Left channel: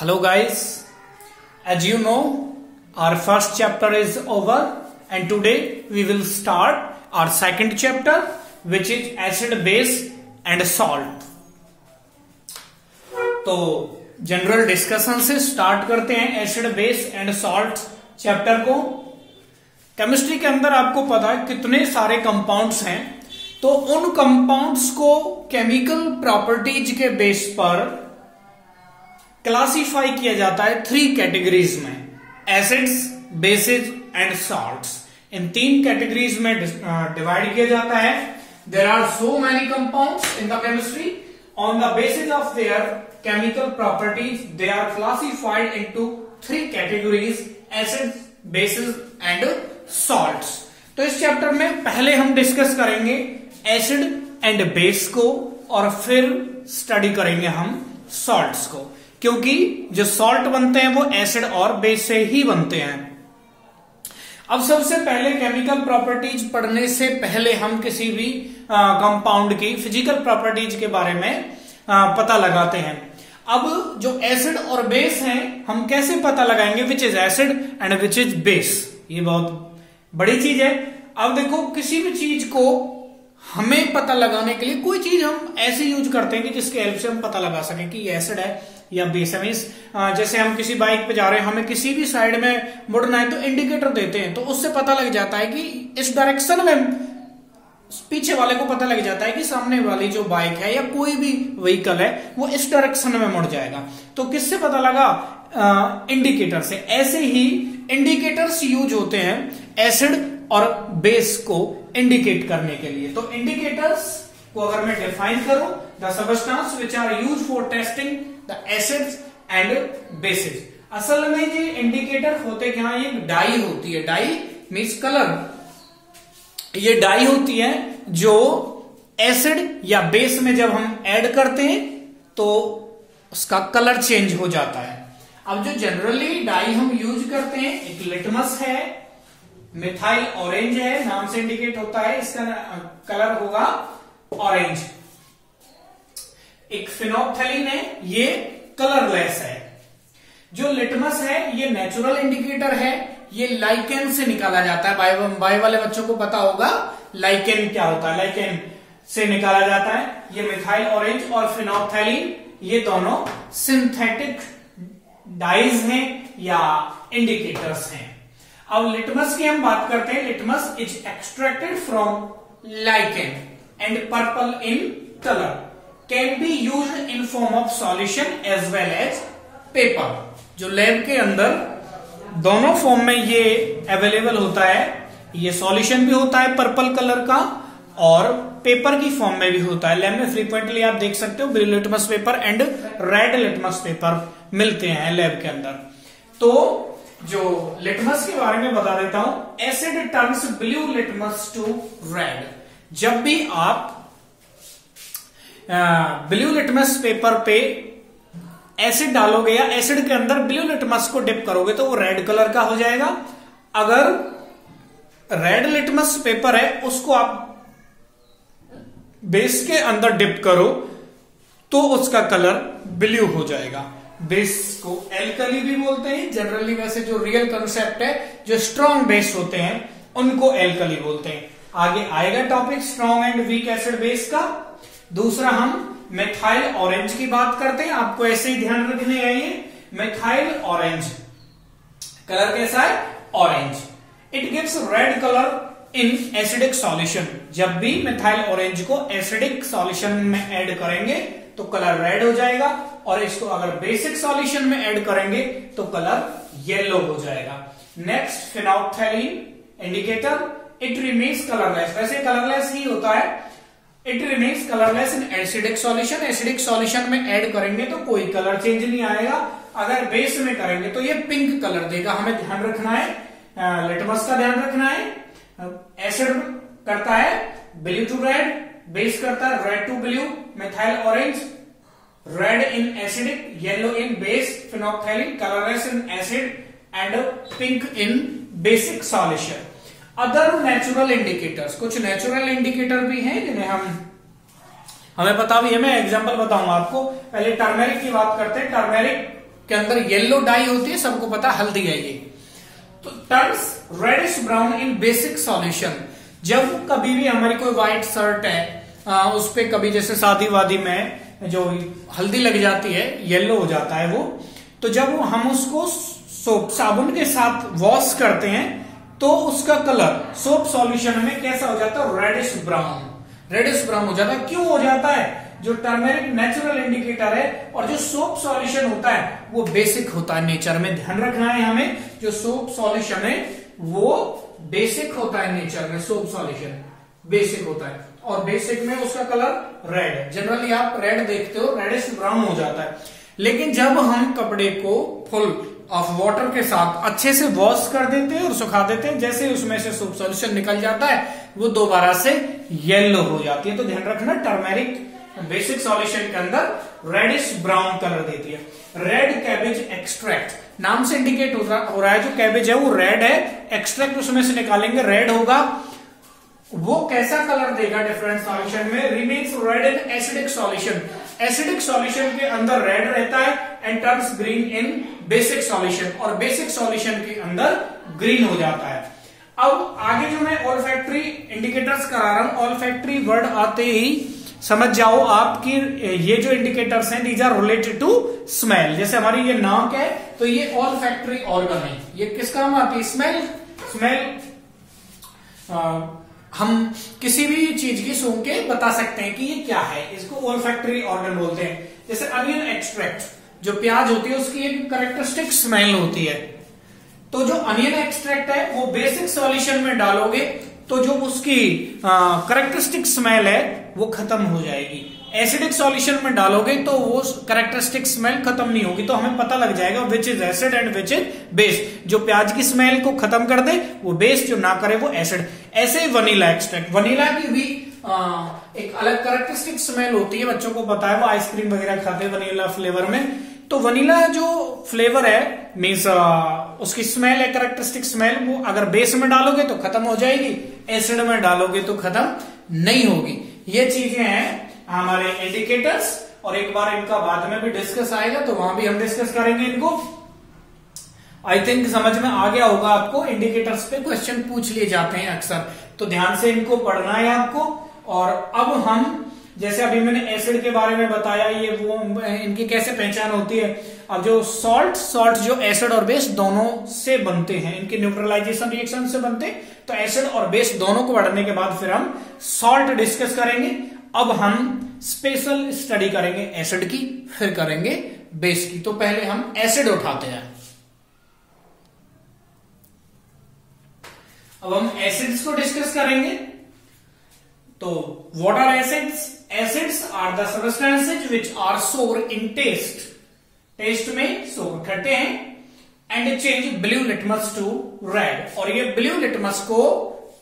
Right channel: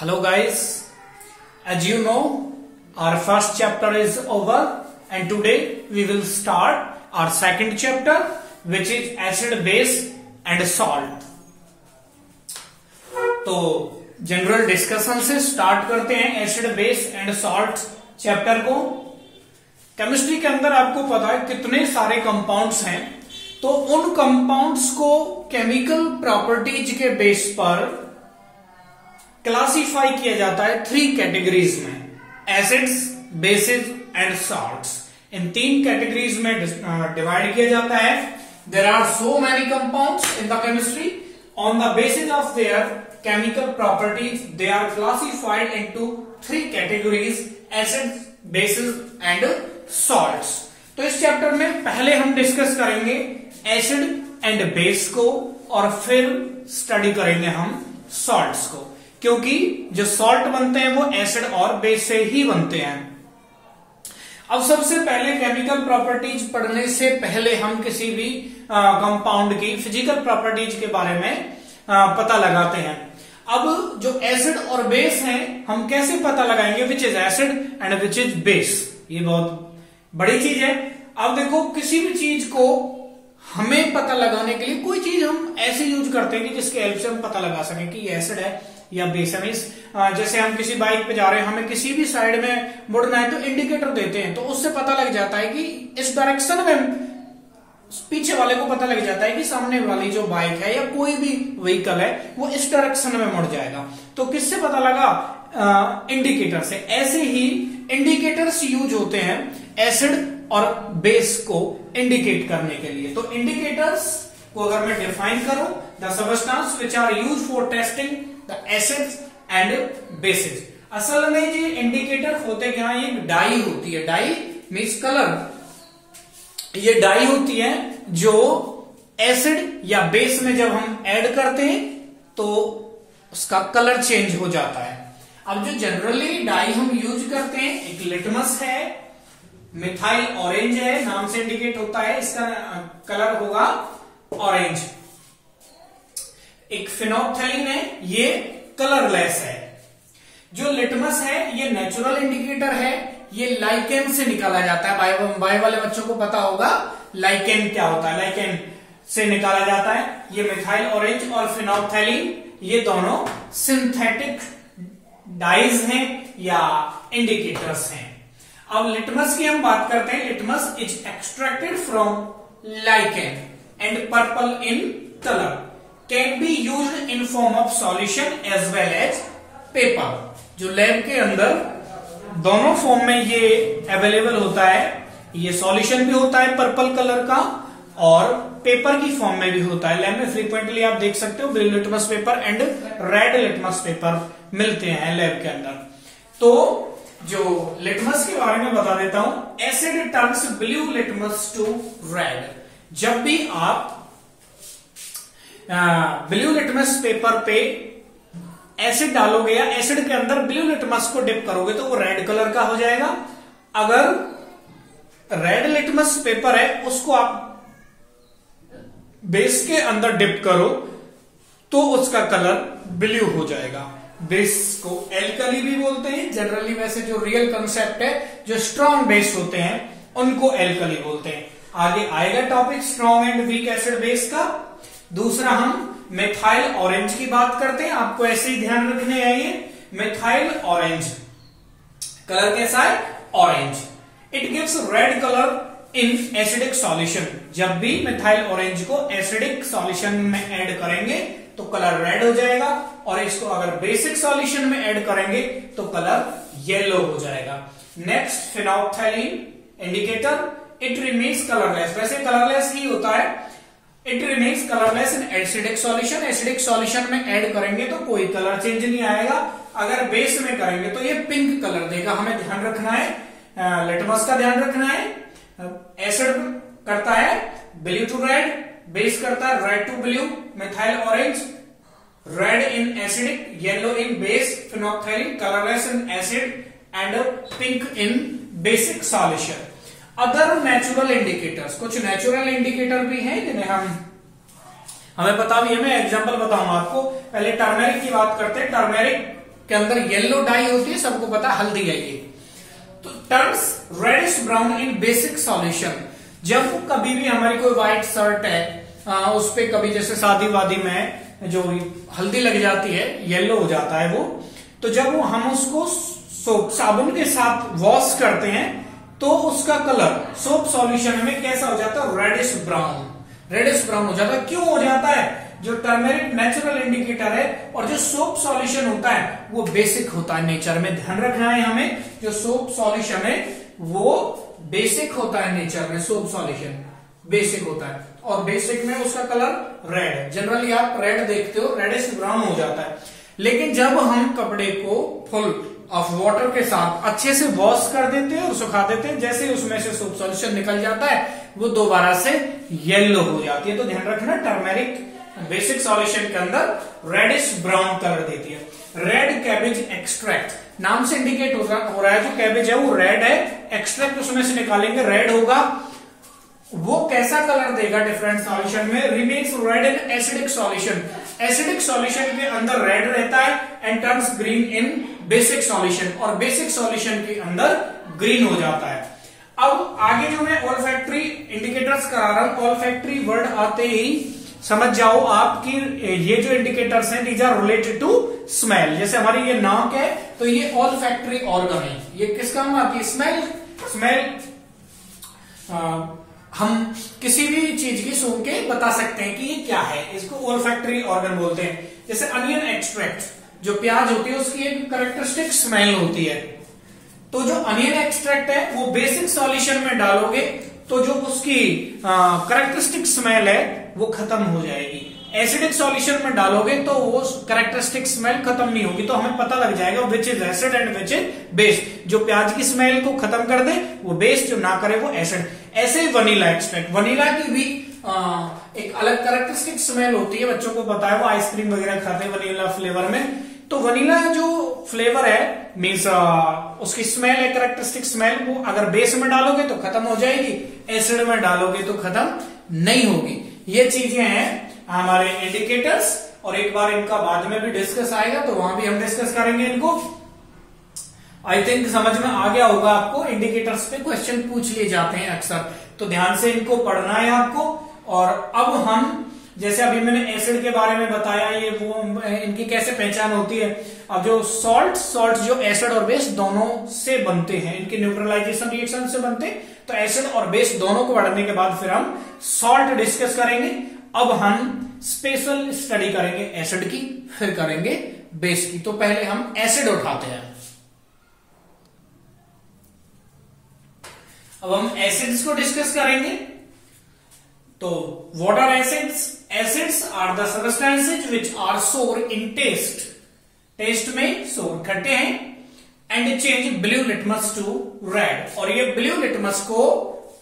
Hello guys, as you know, our first chapter is over and today we will start our second chapter which is acid, base and salt. तो general discussion से start करते हैं acid, base and salt chapter को। Chemistry के अंदर आपको पता है कितने सारे कंपाउंड्स हैं, तो उन कंपाउंड्स को केमिकल प्रॉपर्टीज के बेस पर क्लासिफाई किया जाता है थ्री कैटेगरीज में, एसिड्स, बेसिस एंड सॉल्ट्स। इन तीन कैटेगरीज में डिवाइड किया जाता है। There are so many compounds in the chemistry, on the basis of their chemical properties they are classified into three categories, acids, bases and salts. तो इस chapter में पहले हम डिस्कस करेंगे एसिड एंड बेस को और फिर स्टडी करेंगे हम सॉल्ट्स को, क्योंकि जो सॉल्ट बनते हैं वो एसिड और बेस से ही बनते हैं। अब सबसे पहले केमिकल प्रॉपर्टीज पढ़ने से पहले हम किसी भी कंपाउंड की फिजिकल प्रॉपर्टीज के बारे में पता लगाते हैं। अब जो एसिड और बेस है हम कैसे पता लगाएंगे which is acid and which is base, ये बहुत बड़ी चीज है। अब देखो, किसी भी चीज को हमें पता लगाने के लिए कोई चीज हम ऐसे यूज करते हैं कि जिसके हेल्प से हम पता लगा सकें कि ये एसिड है या बेस है। जैसे हम किसी बाइक पे जा रहे हैं, हमें किसी भी साइड में मुड़ना है तो इंडिकेटर देते हैं, तो उससे पता लग जाता है कि इस डायरेक्शन में, पीछे वाले को पता लग जाता है कि सामने वाली जो बाइक है या कोई भी व्हीकल है वो इस डायरेक्शन में मुड़ जाएगा। तो किससे पता लगा? इंडिकेटर से। ऐसे ही इंडिकेटर्स यूज होते हैं एसिड और बेस को इंडिकेट करने के लिए। तो इंडिकेटर्स को अगर मैं डिफाइन करूं, the substance which are use for testing the acids and bases. असल में ये इंडिकेटर होते क्या, ये डाई होती है। Dye means colour. ये डाई होती है जो एसिड या बेस में जब हम ऐड करते हैं तो उसका कलर चेंज हो जाता है। अब जो जनरली डाई हम यूज करते हैं, एक लिटमस है, मिथाइल ऑरेंज है, नाम से इंडिकेट होता है, इसका कलर होगा ऑरेंज। एक फिनोप्थेलिन है, ये कलरलेस है। जो लिटमस है ये नेचुरल इंडिकेटर है, ये लाइकेन से निकाला जाता है। बायो वाले बच्चों को पता होगा लाइकेन क्या होता है, लाइकेन से निकाला जाता है। ये मिथाइल ऑरेंज और फिनोप्थेलिन ये दोनों सिंथेटिक डाइज हैं या इंडिकेटर्स हैं। अब लिटमस की हम बात करते हैं। Litmus is extracted from lichen and purple in colour, can be used in form of solution as well as paper. जो लैब के अंदर दोनों फॉर्म में ये अवेलेबल होता है। ये सॉल्यूशन भी होता है पर्पल कलर का और पेपर की फॉर्म में भी होता है। लैब में फ्रीक्वेंटली आप देख सकते हो blue litmus paper and red litmus paper मिलते हैं लैब के अंदर। तो जो लिटमस के बारे में बता देता हूं, acid turns blue litmus to red. जब भी आप ब्लू लिटमस पेपर पे एसिड डालोगे या एसिड के अंदर ब्लू लिटमस को डिप करोगे तो वो रेड कलर का हो जाएगा। अगर रेड लिटमस पेपर है उसको आप बेस के अंदर डिप करो तो उसका कलर ब्लू हो जाएगा। बेस को एल्कली भी बोलते हैं जनरली। वैसे जो रियल कंसेप्ट है, जो स्ट्रॉन्ग बेस होते हैं उनको एल्कली बोलते हैं। आगे आएगा topic strong and weak acid base का। दूसरा हम मिथाइल ऑरेंज की बात करते हैं। आपको ऐसे ही ध्यान रखने आइए, मिथाइल ऑरेंज कलर कैसा है? Orange. It gives red colour in acidic solution. जब भी मिथाइल ऑरेंज को एसिडिक सॉल्यूशन में ऐड करेंगे तो कलर रेड हो जाएगा, और इसको अगर बेसिक सॉल्यूशन में ऐड करेंगे तो कलर येलो हो जाएगा। Next phenolphthalein indicator, it remains colourless. वैसे कलरलेस ही होता है। It remains colourless in acidic solution. Acidic solution में ऐड करेंगे तो कोई कलर चेंज नहीं आएगा। अगर बेस में करेंगे तो ये पिंक कलर देगा। हमें ध्यान रखना है, लिटमस का ध्यान रखना है। एसिड करता है ब्लू टू रेड, बेस करता है red to blue. Methyl orange red in acidic, yellow in base. Phenolphthalein colourless in acid and pink in basic solution. Other natural indicators, कुछ नेचुरल इंडिकेटर भी हैं जिन्हें हमें पता भी है। मैं एग्जांपल बताऊंगा आपको। पहले टर्मेरिक की बात करते हैं। टर्मेरिक के अंदर येलो डाई होती है, सबको पता हल्दी है ये। तो turns reddish brown in basic solution. जब कभी भी हमारी कोई व्हाइट शर्ट है उस पे कभी जैसे शादी वादी में जो हल्दी लग जाती है, येलो हो जाता है वो, तो जब हम उसको सोप साबुन के साथ वॉश करते हैं तो उसका कलर सोप सॉल्यूशन में कैसा हो जाता है, रेडिश ब्राउन। रेडिश ब्राउन हो जाता है। क्यों हो जाता है? जो टर्मेरिक नेचुरल इंडिकेटर है और जो सोप सॉल्यूशन होता है वो बेसिक होता है नेचर में। ध्यान रखना है हमें, जो सोप सॉल्यूशन है वो बेसिक होता है नेचर में। सोप सॉल्यूशन बेसिक होता है और बेसिक में उसका कलर रेड है। जनरली आप रेड देखते हो, रेडिश ब्राउन हो जाता है। लेकिन जब हम कपड़े को फुल ऑफ वाटर के साथ अच्छे से वॉश कर देते हैं और सुखा देते हैं, जैसे उसमें से सोप सॉल्यूशन निकल जाता है वो दोबारा से येलो हो जाती है। तो ध्यान रखना, टर्मेरिक बेसिक सॉल्यूशन के अंदर रेडिश ब्राउन कलर देती है। रेड कैबेज एक्सट्रैक्ट, नाम से इंडिकेट हो रहा है जो कैबेज है वो रेड है, एक्सट्रैक्ट उसमें से निकालेंगे रेड होगा। वो कैसा कलर देगा डिफरेंट सॉल्यूशन में? Remains red in acidic solution. Acidic solution के अंदर रेड रहता है and turns green in basic solution, और बेसिक सॉल्यूशन के अंदर ग्रीन हो जाता है। अब आगे जो मैं ऑल्फैक्टरी इंडिकेटर्स करा रहा हूं, ऑल्फैक्टरी वर्ड आते ही समझ जाओ आपकी ये जो इंडिकेटर्स हैं these are related to smell. जैसे हमारी ये नाक है तो ये ऑल्फैक्टरी ऑर्गन है, ये किस काम आती है? स्मेल। स्मेल हम किसी भी चीज की सूंघ के बता सकते हैं कि ये क्या है, इसको ऑल्फैक्टरी ऑर्गन बोलते हैं। जैसे अनियन एक्सट्रैक्ट, जो प्याज होती है उसकी एक कैरेक्टरिस्टिक स्मेल होती है। तो जो अनियन एक्सट्रैक्ट है वो बेसिक सॉल्यूशन में डालोगे तो जो उसकी कैरेक्टरिस्टिक स्मेल है वो खत्म हो जाएगी। एसिडिक सॉल्यूशन में डालोगे तो वो कैरेक्टरिस्टिक स्मेल खत्म नहीं होगी। तो हमें पता लग जाएगा which is acid and which is base. जो प्याज की स्मेल को खत्म कर दे वो बेस, जो ना करे वो एसिड। ऐसे ही वनीला एक्सट्रैक्ट, वनीला की भी एक अलग कैरेक्टरिस्टिक स्मेल होती है, बच्चों को पता है, वो आइसक्रीम वगैरह खाते हैं वनीला फ्लेवर में। तो वनीला जो फ्लेवर है मीन्स उसकी स्मेल है, कैरेक्टरिस्टिक स्मेल, वो अगर बेस में डालोगे तो खत्म हो जाएगी, एसिड में डालोगे तो खत्म नहीं होगी। ये चीजें हैं हमारे इंडिकेटर्स, और एक बार इनका बाद में भी डिस्कस आएगा तो वहां भी हम डिस्कस करेंगे इनको। आई थिंक समझ में आ गया होगा आपको। इंडिकेटर्स पे क्वेश्चन पूछ लिए जाते हैं अक्सर, तो ध्यान से इनको पढ़ना है आपको। और अब हम जैसे अभी मैंने एसिड के बारे में बताया, ये वो इनकी कैसे पहचान होती है। अब जो सॉल्ट जो एसिड और बेस दोनों से बनते हैं, इनके न्यूट्रलाइजेशन रिएक्शन से बनते हैं, तो एसिड और बेस दोनों को बढ़ने के बाद फिर हम सॉल्ट डिस्कस करेंगे। अब हम स्पेशल स्टडी करेंगे एसिड की, फिर करेंगे बेस की। तो पहले हम एसिड उठाते हैं। अब हम एसिड्स को डिस्कस करेंगे। तो what are acids? Acids are the substances which are sour in taste. Taste में सोर खट्टे हैं, and change blue litmus to red, और ये ब्लू लिटमस को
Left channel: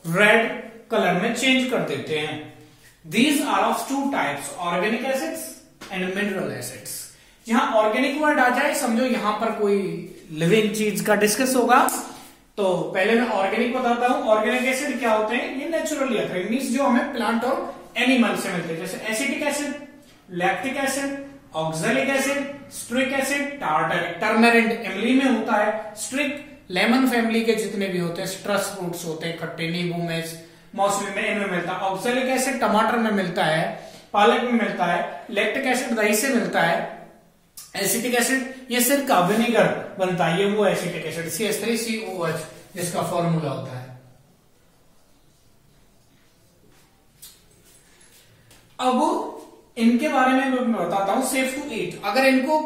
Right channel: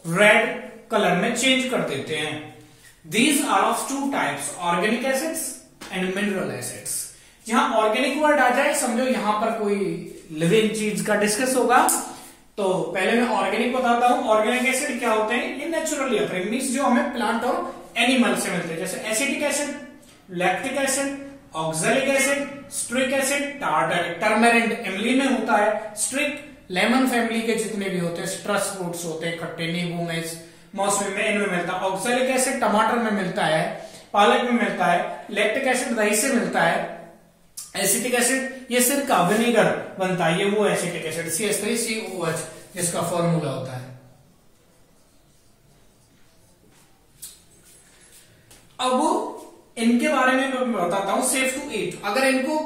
रेड कलर में चेंज कर देते हैं। These are of two types, organic acids and mineral acids. जहां ऑर्गेनिक वर्ड आ जाए समझो यहां पर कोई लिविंग चीज का डिस्कस होगा। तो पहले मैं ऑर्गेनिक बताता हूं। ऑर्गेनिक एसिड क्या होते हैं? ये नेचुरली अकरिंग मींस जो हमें प्लांट और एनिमल से मिलते हैं, जैसे acetic acid, lactic acid, oxalic acid, citric acid, tartaric. Turmeric इमली में होता है, स्ट्रिक लेमन फैमिली के जितने भी होते हैं, सिट्रस फ्रूट्स होते हैं खट्टे, नींबू में, मौसमी में, इनमें मिलता है। ऑक्सैलिक एसिड टमाटर में मिलता है, पालक में मिलता है। लैक्टिक एसिड दही से मिलता है। एसिटिक एसिड ये सिरका विनेगर बनता है, ये वो एसिटिक एसिड CH3COH जिसका फॉर्मूला होता है। अब इनके बारे में मैं बताता हूं। सेफ टू ईट, अगर इनको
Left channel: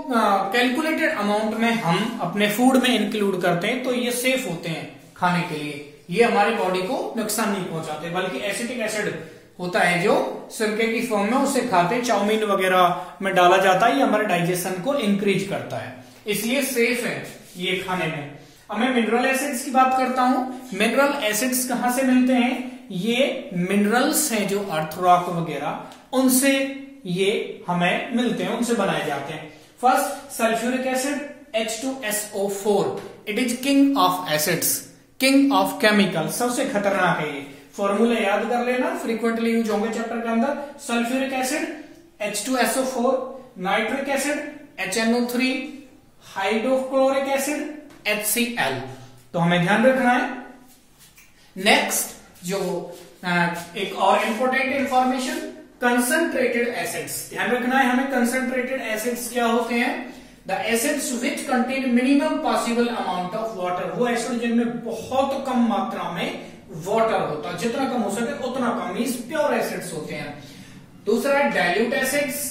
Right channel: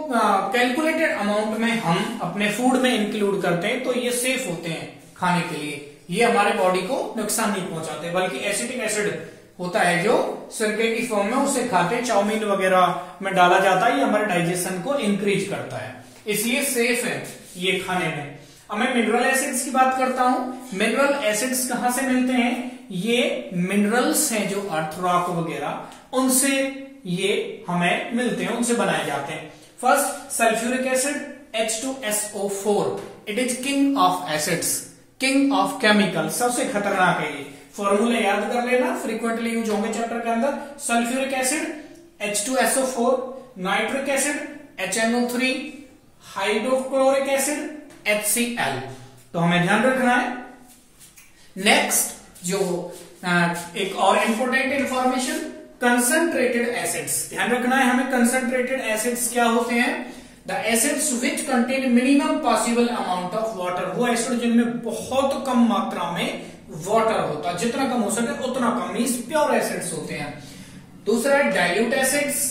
कैलकुलेटेड अमाउंट में हम अपने फूड में इंक्लूड करते हैं तो ये सेफ होते हैं खाने के लिए। ये हमारे बॉडी को नुकसान नहीं पहुंचाते, बल्कि एसिटिक एसिड होता है जो सिरके की फॉर्म में, उसे खाते हैं, चाउमीन वगैरह में डाला जाता है, ये हमारे डाइजेशन को इंक्रीज करता है, इसलिए सेफ है ये खाने में। अब मैं मिनरल एसिड्स की बात करता हूं। मिनरल एसिड्स कहां से मिलते हैं? ये मिनरल्स हैं जो अर्थ रॉक वगैरह उनसे ये हमें मिलते हैं, उनसे बनाए जाते हैं। First sulphuric acid H2SO4, it is king of acids, king of chemical, सबसे खतरनाक है ये। फॉर्मूला याद कर लेना, फ्रीक्वेंटली यूज होंगे चैप्टर के अंदर। Sulphuric acid H2SO4, nitric acid HNO3, hydrochloric acid HCl। तो हमें ध्यान रखना है। नेक्स्ट जो एक और इंपॉर्टेंट इंफॉर्मेशन, कंसंट्रेटेड एसिड्स। ध्यान रखना है हमें, कंसंट्रेटेड एसिड्स क्या होते हैं? The acids which contain minimum possible amount of water. वो एसिड जिनमें बहुत कम मात्रा में वाटर होता है, जितना कम हो सके उतना कम, मींस प्योर एसिड्स होते हैं। दूसरा है dilute acids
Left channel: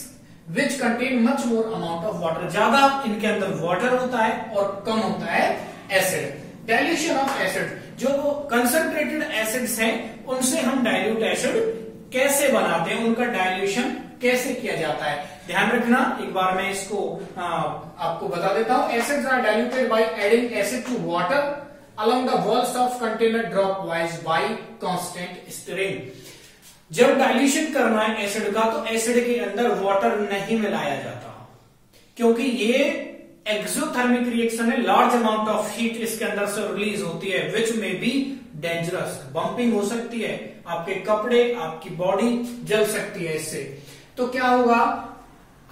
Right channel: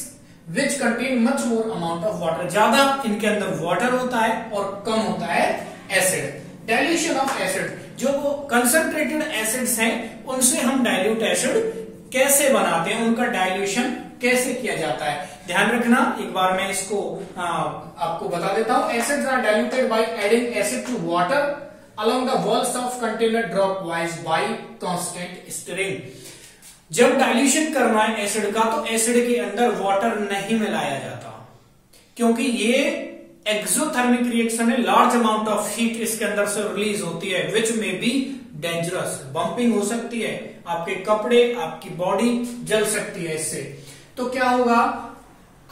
which contain much more amount of water. ज्यादा इनके अंदर वाटर होता है और कम होता है एसिड। डाइल्यूशन ऑफ एसिड, जो कंसंट्रेटेड एसिड्स हैं उनसे हम डाइल्यूट एसिड कैसे बनाते हैं, उनका डाइल्यूशन कैसे किया जाता है, ध्यान रखना। एक बार मैं इसको आपको बता देता हूं। Acids are diluted by adding acid to water along the walls of container dropwise by constant stirring. जब डाइल्यूशन करना है एसिड का तो एसिड के अंदर वाटर नहीं मिलाया जाता, क्योंकि ये एक्सोथर्मिक रिएक्शन है। लार्ज अमाउंट ऑफ हीट इसके अंदर से रिलीज होती है विच में बी डेंजरस। बंपिंग हो सकती है, आपके कपड़े, आपकी बॉडी जल सकती है इससे। तो क्या होगा,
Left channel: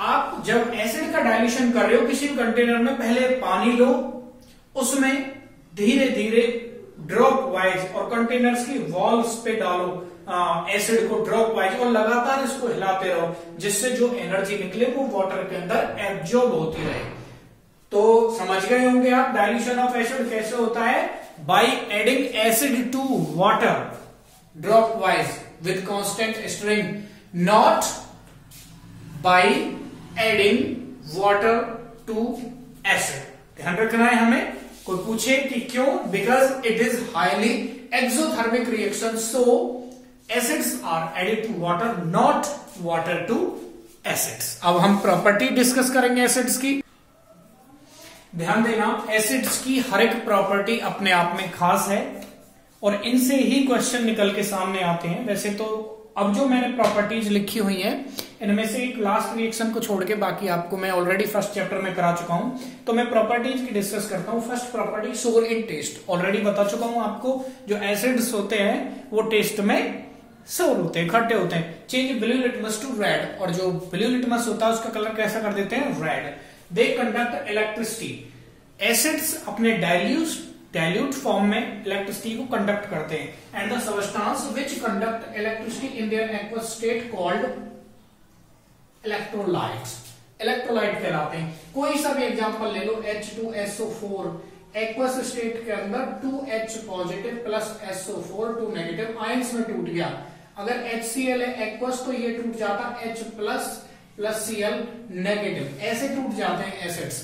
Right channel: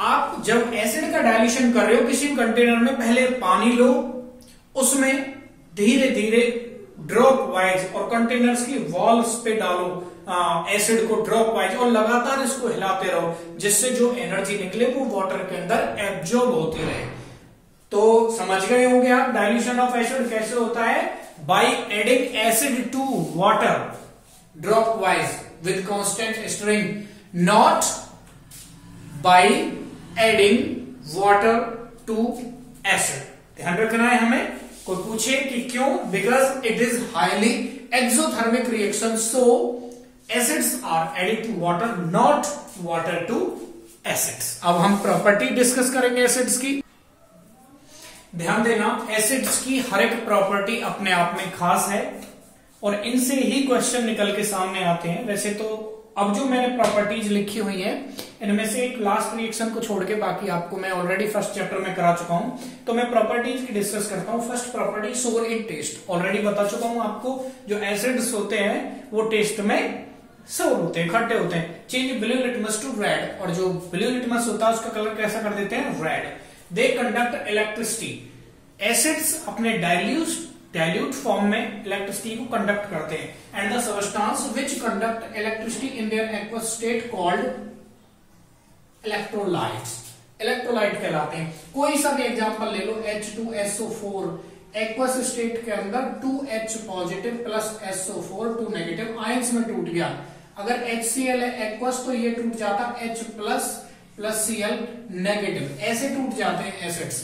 आप जब एसिड का डाइल्यूशन कर रहे हो किसी कंटेनर में, पहले पानी लो, उसमें धीरे धीरे ड्रॉप वाइज और कंटेनर्स की वॉल्स पे डालो एसिड को ड्रॉप वाइज, और लगातार इसको हिलाते रहो, जिससे जो एनर्जी निकले वो वाटर के अंदर एब्जॉर्ब होती रहे। तो समझ गए होंगे आप डाइल्यूशन ऑफ एसिड कैसे होता है? By adding acid to water dropwise with constant stirring, not by adding water to acid. ध्यान रखना है हमें। कोई पूछे कि क्यों? Because it is highly exothermic reaction, so acids are added to water, not water to acids. अब हम प्रॉपर्टी डिस्कस करेंगे एसिड्स की। ध्यान देना, एसिड्स की हर एक प्रॉपर्टी अपने आप में खास है और इनसे ही क्वेश्चन निकल के सामने आते हैं। वैसे तो अब जो मैंने प्रॉपर्टीज लिखी हुई है इनमें से एक लास्ट रिएक्शन को छोड़ के बाकी आपको मैं ऑलरेडी फर्स्ट चैप्टर में करा चुका हूं, तो मैं प्रॉपर्टीज की डिस्कस करता हूं। फर्स्ट प्रॉपर्टी, सोर इन टेस्ट। ऑलरेडी बता चुका हूं आपको, जो एसिड्स होते हैं वो टेस्ट में सोर होते हैं, खट्टे होते हैं। Change blue litmus to red, और जो ब्लू लिटमस होता है उसका कलर कैसा कर देते हैं? Red. They conduct electricity. Acids अपने डाइल्यूट फॉर्म में इलेक्ट्रिसिटी को कंडक्ट करते हैं। And the substance which conduct electricity in their aqueous state called electrolytes. Electrolyte कहलाते हैं। कोई सा भी एग्जांपल ले लो, H2SO4 एक्वस स्टेट के अंदर 2H positive plus SO4 2 negative ions में टूट गया। अगर HCl है एक्वस तो ये टूट जाता H प्लस Cl नेगेटिव, ऐसे टूट जाते हैं एसिड्स।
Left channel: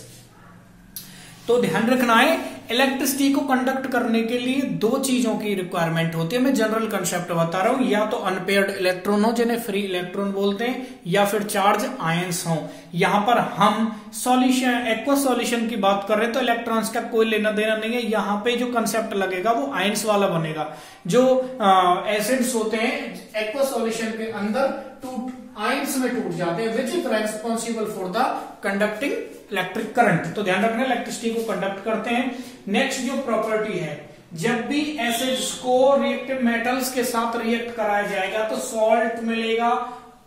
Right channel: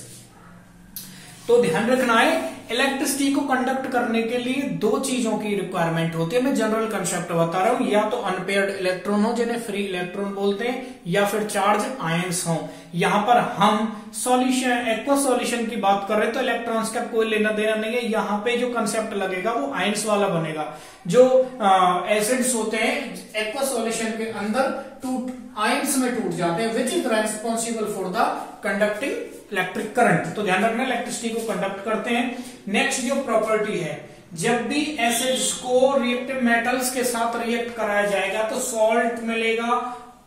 तो ध्यान रखना है, इलेक्ट्रिसिटी को कंडक्ट करने के लिए दो चीजों की रिक्वायरमेंट होती है। मैं जनरल कंसेप्ट बता रहा हूं, या तो अनपेयर्ड इलेक्ट्रॉन हो जिन्हें फ्री इलेक्ट्रॉन बोलते हैं, या फिर चार्ज आयंस हो। यहां पर हम सॉल्यूशन, एक्वा सॉल्यूशन की बात कर रहे हैं तो इलेक्ट्रॉन्स का कोई लेना देना नहीं है। यहाँ पे जो कंसेप्ट लगेगा वो आयंस वाला बनेगा। जो एसिड्स होते हैं एक्वा सॉल्यूशन के अंदर आयंस में टूट जाते हैं, which is responsible for the conducting electric current. तो ध्यान रखना, इलेक्ट्रिसिटी को कंडक्ट करते हैं। नेक्स्ट जो प्रॉपर्टी है, जब भी एसिड्स को रिएक्टिव मेटल्स के साथ रिएक्ट कराया जाएगा तो सॉल्ट मिलेगा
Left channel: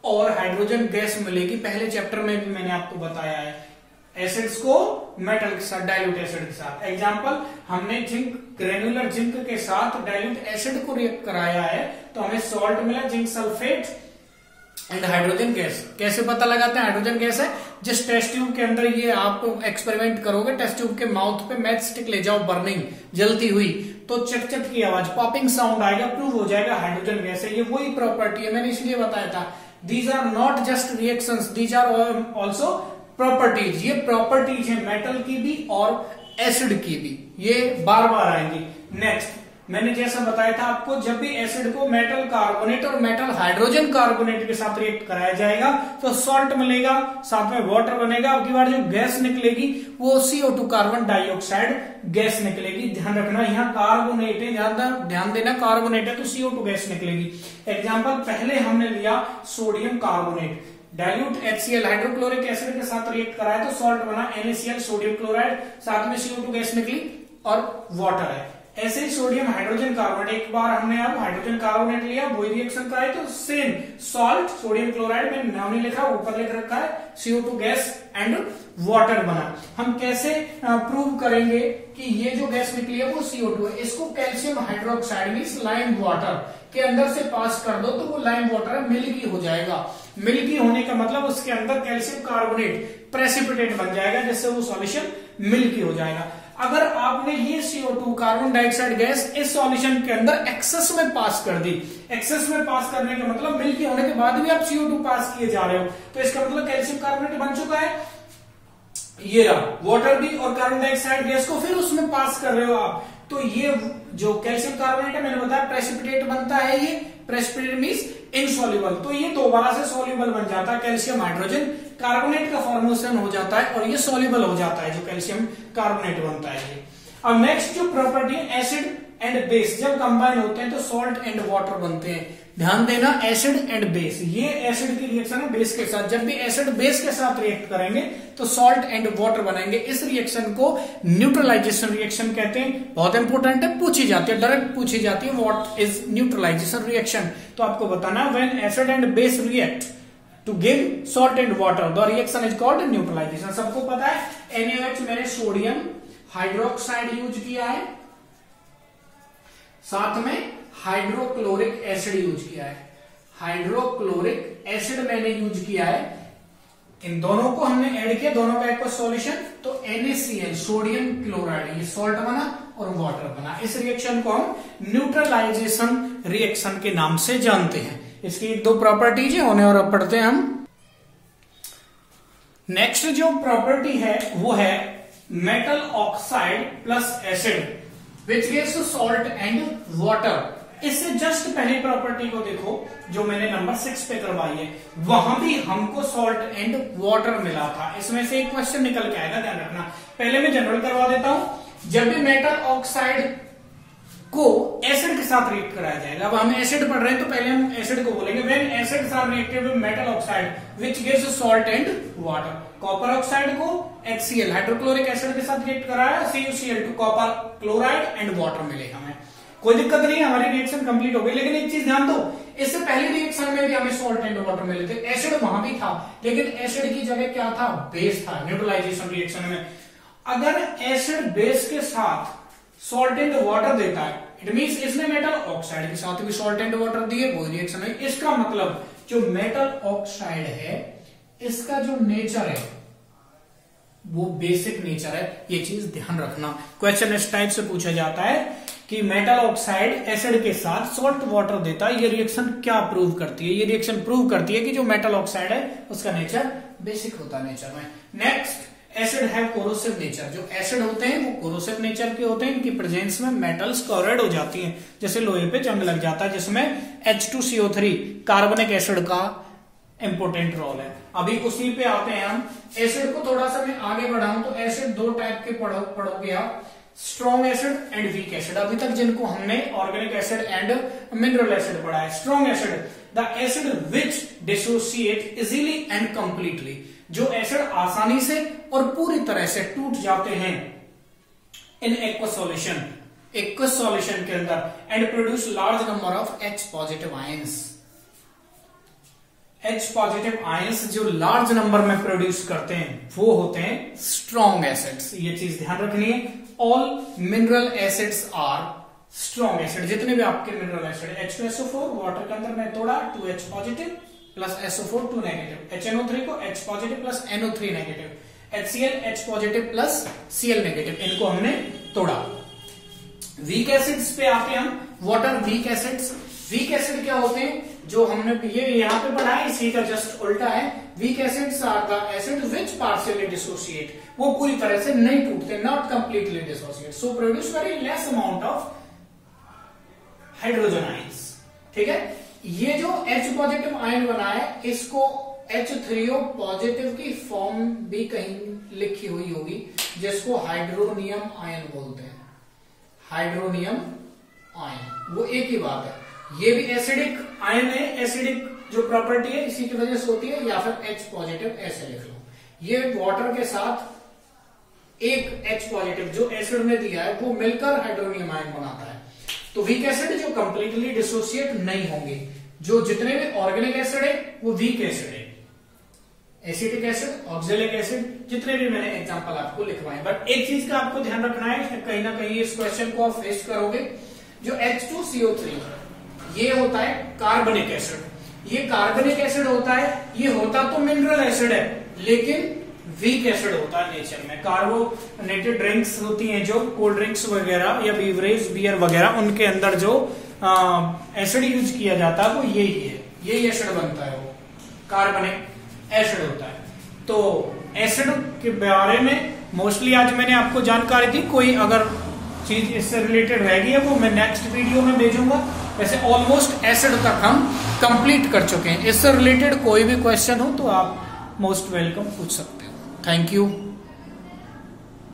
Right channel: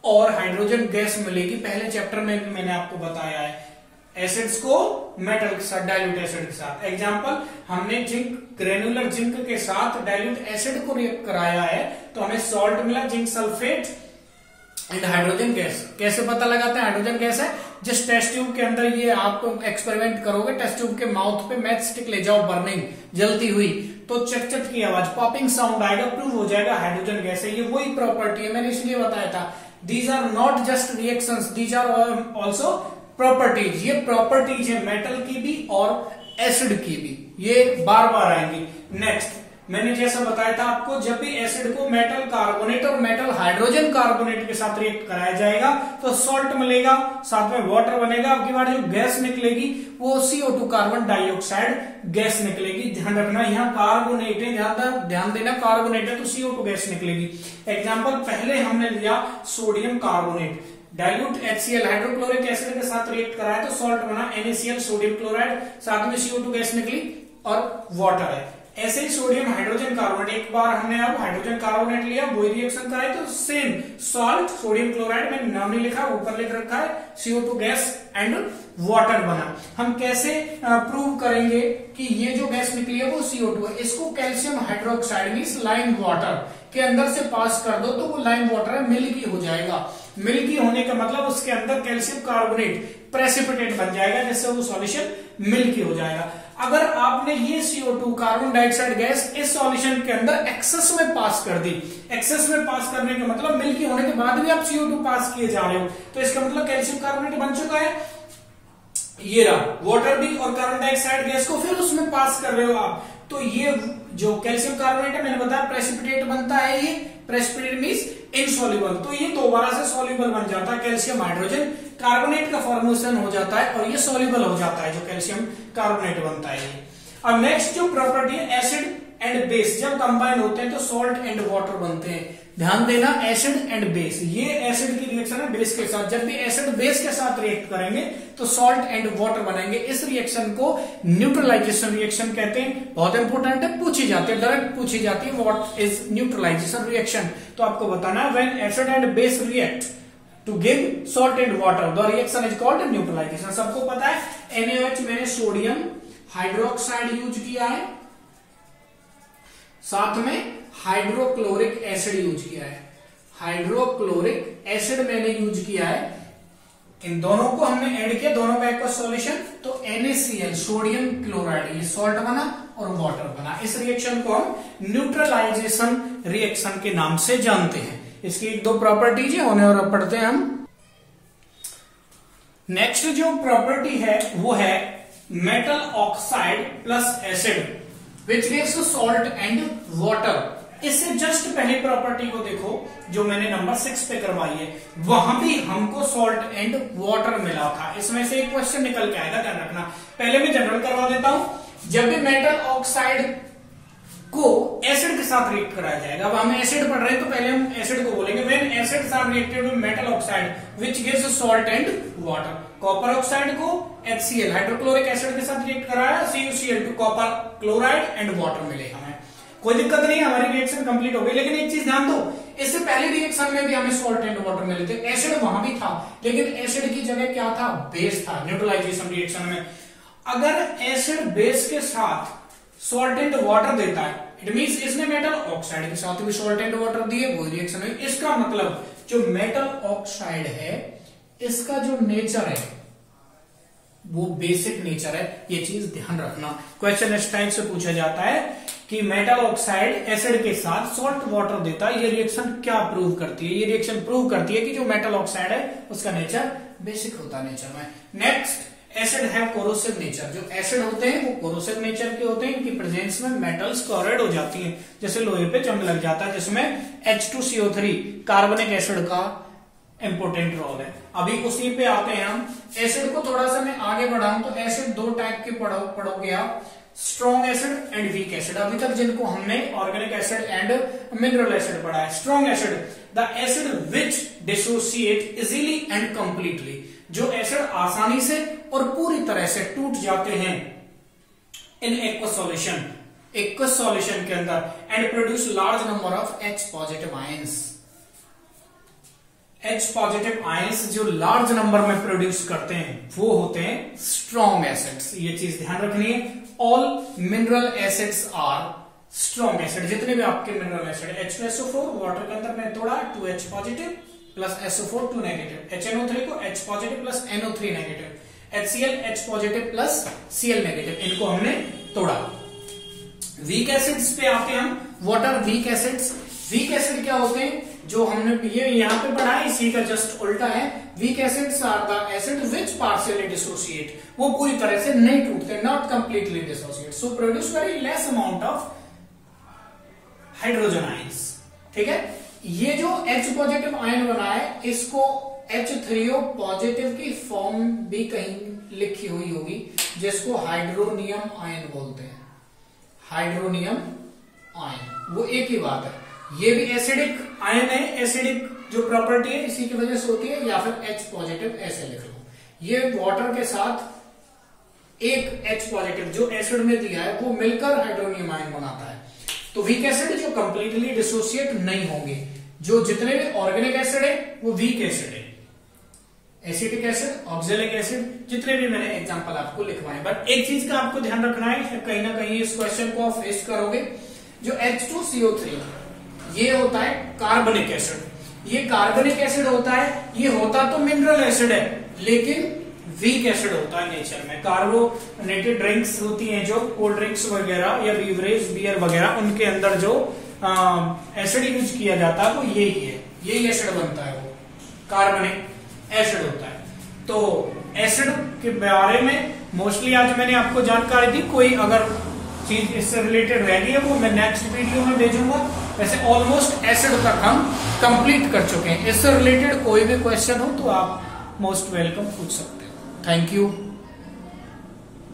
और हाइड्रोजन गैस मिलेगी। पहले चैप्टर में भी मैंने आपको बताया है, एसिड्स को मेटल के साथ, डाइल्यूट एसिड के साथ। एग्जांपल, हमने जिंक, ग्रेनुलर जिंक के साथ डाइल्यूट एसिड को रिएक्ट कराया है तो हमें सॉल्ट मिला, zinc sulphate and hydrogen gas. कैसे पता लगाते हैं हाइड्रोजन गैस है? जिस टेस्ट ट्यूब के अंदर ये आपको एक्सपेरिमेंट करोगे, टेस्ट ट्यूब के माउथ पे मैच स्टिक ले जाओ, बर्निंग, जलती हुई, तो चट की आवाज, पॉपिंग साउंड आएगा, प्रूव हो जाएगा हाइड्रोजन गैस है। ये वही प्रॉपर्टी है, मैंने इसलिए बताया था। These are not just reactions, these are also properties. ये प्रॉपर्टीज है मेटल की भी और एसिड की भी, ये बार बार आएंगी। नेक्स्ट, मैंने जैसा बताया था आपको, जब भी एसिड को मेटल कार्बोनेट और मेटल हाइड्रोजन कार्बोनेट के साथ रिएक्ट कराया जाएगा तो सॉल्ट मिलेगा, साथ में वाटर बनेगा। अब की बार जो गैस निकलेगी वो CO2 कार्बन डाइऑक्साइड गैस निकलेगी। ध्यान रखना, यहाँ कार्बोनेट है, ध्यान देना, कार्बोनेट है तो CO2 गैस निकलेगी। एग्जाम्पल, पहले हमने लिया sodium carbonate, dilute HCl hydrochloric acid के साथ रिएक्ट कराया तो सॉल्ट बना NaCl सोडियम क्लोराइड, साथ में CO2 गैस निकली और वाटर है। ऐसे ही सोडियम हाइड्रोजन कार्बोनेट, एक बार हमने अब हाइड्रोजन कार्बोनेट लिया, वही रिएक्शन का है, तो सेम सॉल्ट सोडियम क्लोराइड, मैंने नाम नहीं लिखा, ऊपर लिख रखा है, CO2 गैस एंड वाटर बना। हम कैसे प्रूव करेंगे कि ये जो गैस निकली है वो CO2 है? इसको calcium hydroxide means lime water के अंदर से पास कर दो तो वो लाइम वाटर है, मिल्की हो जाएगा। मिल्की होने का मतलब उसके अंदर कैल्शियम कार्बोनेट प्रेसिपिटेट बन जाएगा, जिससे वो सॉल्यूशन मिल्की हो जाएगा। अगर आपने ये CO2 कार्बन डाइऑक्साइड गैस इस सॉल्यूशन के अंदर एक्सेस में पास कर दी, एक्सेस में पास करने का मतलब मिल्की होने के बाद भी आप CO2 पास किए जा रहे हो, तो इसका मतलब कैल्शियम कार्बोनेट बन चुका है। ये रहा वाटर भी और कार्बन डाइऑक्साइड गैस को फिर उसमें पास कर रहे हो आप, तो ये जो कैल्शियम कार्बोनेट है, मैंने बताया प्रेसिपिटेट बनता है, ये प्रेसिपिटेट मींस इनसॉल्युबल, तो ये दोबारा से सॉल्युबल बन जाता है, कैल्शियम हाइड्रोजन कार्बोनेट का फॉर्मेशन हो जाता है और ये सॉल्युबल हो जाता है, जो कैल्शियम कार्बोनेट बनता है ये। अब नेक्स्ट जो प्रॉपर्टी है एसिड एंड बेस, जब कंबाइन होते हैं तो सॉल्ट एंड वाटर बनते हैं। ध्यान देना, एसिड एंड बेस, ये एसिड की रिएक्शन है बेस के साथ, जब भी एसिड बेस के साथ रिएक्ट करेंगे तो सॉल्ट एंड वाटर बनेंगे। इस रिएक्शन को न्यूट्रलाइजेशन रिएक्शन कहते हैं। बहुत इंपॉर्टेंट है, पूछी जाती है, डायरेक्ट पूछी जाती है, व्हाट इज न्यूट्रलाइजेशन रिएक्शन, तो आपको बताना when acid and base react to give salt and water the reaction is called neutralisation. सबको पता है NaOH मैंने सोडियम हाइड्रोक्साइड यूज किया है, साथ में हाइड्रोक्लोरिक एसिड यूज किया है, हाइड्रोक्लोरिक एसिड मैंने यूज किया है, इन दोनों को हमने ऐड किया, दोनों का एक सॉल्यूशन, तो NaCl सोडियम क्लोराइड, ये सॉल्ट बना और वाटर बना। इस रिएक्शन को हम न्यूट्रलाइजेशन रिएक्शन के नाम से जानते हैं। इसकी दो प्रॉपर्टीज है, उन्हें और पढ़ते हैं हम। नेक्स्ट जो प्रॉपर्टी है वो है metal oxide plus acid which gives salt and water. इससे जस्ट पहली प्रॉपर्टी को देखो जो मैंने नंबर 6 पे करवाई है, वहां भी हमको सॉल्ट एंड वाटर मिला था। इसमें से एक क्वेश्चन निकल के आएगा, ध्यान रखना। पहले मैं जनरल करवा देता हूं। जब भी मेटल ऑक्साइड को एसिड के साथ रिएक्ट कराया जाएगा, अब हम एसिड पढ़ रहे हैं तो पहले हम एसिड को बोलेंगे, when acid are reacted with metal oxide which gives salt and water. Copper oxide को HCl हाइड्रोक्लोरिक एसिड के साथ रिएक्ट कराया, CuCl2 copper chloride and water मिले हमें। कोई दिक्कत नहीं, हमारी रिएक्शन कंप्लीट हो गई। लेकिन एक चीज ध्यान दो, इससे पहले रिएक्शन में भी हमें सॉल्ट एंड वाटर मिले थे, एसिड वहां भी था, लेकिन एसिड की जगह क्या था? बेस था न्यूट्रलाइजेशन रिएक्शन में। अगर एसिड बेस के साथ सॉल्ट एंड वाटर देता है, इट मींस इसने मेटल ऑक्साइड के साथ भी सॉल्ट एंड वाटर दिए, वो रिएक्शन है। इसका मतलब जो मेटल ऑक्साइड है इसका जो नेचर है वो बेसिक नेचर है, ये चीज ध्यान रखना। क्वेश्चन इस टाइप से पूछा जाता है कि मेटल ऑक्साइड एसिड के साथ सॉल्ट वाटर देता है, ये रिएक्शन क्या प्रूव करती है? ये रिएक्शन प्रूव करती है कि जो मेटल ऑक्साइड है उसका नेचर बेसिक होता है नेचर में। नेक्स्ट, एसिड है कोरोसिव नेचर। जो एसिड होते हैं वो कोरोसिव नेचर के होते हैं, इनकी प्रेजेंस में मेटल्स कोरोड हो जाती हैं, जैसे लोहे पे जंग लग जाता है, जिसमें H2CO3 कार्बनिक एसिड का इंपोर्टेंट रोल है। अभी उसी पे आते हैं हम। एसिड को थोड़ा सा मैं आगे बढ़ाऊं तो एसिड दो टाइप के पढ़ोगे आप, strong acid and weak acid. अभी तक जिनको हमने organic acid and mineral acid पढ़ा है। Strong acid, the acid which dissociate easily and completely, जो एसिड आसानी से और पूरी तरह से टूट जाते हैं in aqueous solution, aqueous solution के अंदर, and produce large number of H positive ions. H positive ions जो लार्ज नंबर में प्रोड्यूस करते हैं वो होते हैं स्ट्रॉन्ग एसिड्स। ये चीज ध्यान रखनी है। All mineral acids are strong acid. जितने भी आपके मिनरल एसिड, H2SO4 वाटर के अंदर मैं तोड़ा 2H positive plus SO4 2 negative, HNO3 को H positive plus NO3 negative, HCl H positive plus Cl negative, इनको हमने तोड़ा। वीक एसिड्स पे आते हैं हम। What are weak acids? Weak acid क्या होते हैं? जो हमने ये यहाँ पे पढ़ा है, इसी का जस्ट उल्टा है। Weak acids are the acid which partially dissociate, वो पूरी तरह से नहीं टूटते, not completely dissociate, so produce very less amount of hydrogen ions. ठीक है, ये जो H पॉजिटिव आयन बना है इसको H3O पॉजिटिव की फॉर्म भी कहीं लिखी हुई होगी, जिसको हाइड्रोनियम आयन बोलते हैं। हाइड्रोनियम आयन, वो एक ही बात है। ये भी एसिडिक आयन है, एसिडिक जो प्रॉपर्टी है इसी की वजह से होती है, या फिर H पॉजिटिव ऐसे लिख लो। ये वाटर के साथ एक H पॉजिटिव जो एसिड में दिया है वो मिलकर हाइड्रोनियम आयन बनाता है। तो वीक एसिड जो कंप्लीटली डिसोसिएट नहीं होंगे, जो जितने भी ऑर्गेनिक एसिड है वो वीक एसिड है। एसिटिक एसिड, ऑक्जेलिक एसिड, जितने भी मैंने एग्जांपल आपको लिखवाए। बट एक चीज का आपको ध्यान रखना है, कहीं ना कहीं इस क्वेश्चन को आप फेस करोगे, जो H2CO3 ये होता है कार्बनिक एसिड। ये कार्बनिक एसिड होता है, ये होता तो मिनरल एसिड है लेकिन वीक एसिड होता है नेचर में। कार्बोनेटेड ड्रिंक्स होती हैं जो कोल्ड ड्रिंक्स वगैरह या बीवरेज बियर वगैरह, उनके अंदर जो एसिड यूज किया जाता है वो यही है, यही एसिड बनता है, वो कार्बनिक एसिड होता है। तो एसिड के बारे में मोस्टली आज मैंने आपको जानकारी दी। कोई अगर चीज इससे रिलेटेड रहेगी है वो मैं नेक्स्ट वीडियो में भेजूंगा। वैसे ऑलमोस्ट एसिड तक हम कंप्लीट कर चुके हैं। इससे रिलेटेड कोई भी क्वेश्चन हो तो आप मोस्ट वेलकम पूछ सकते हो। Thank you.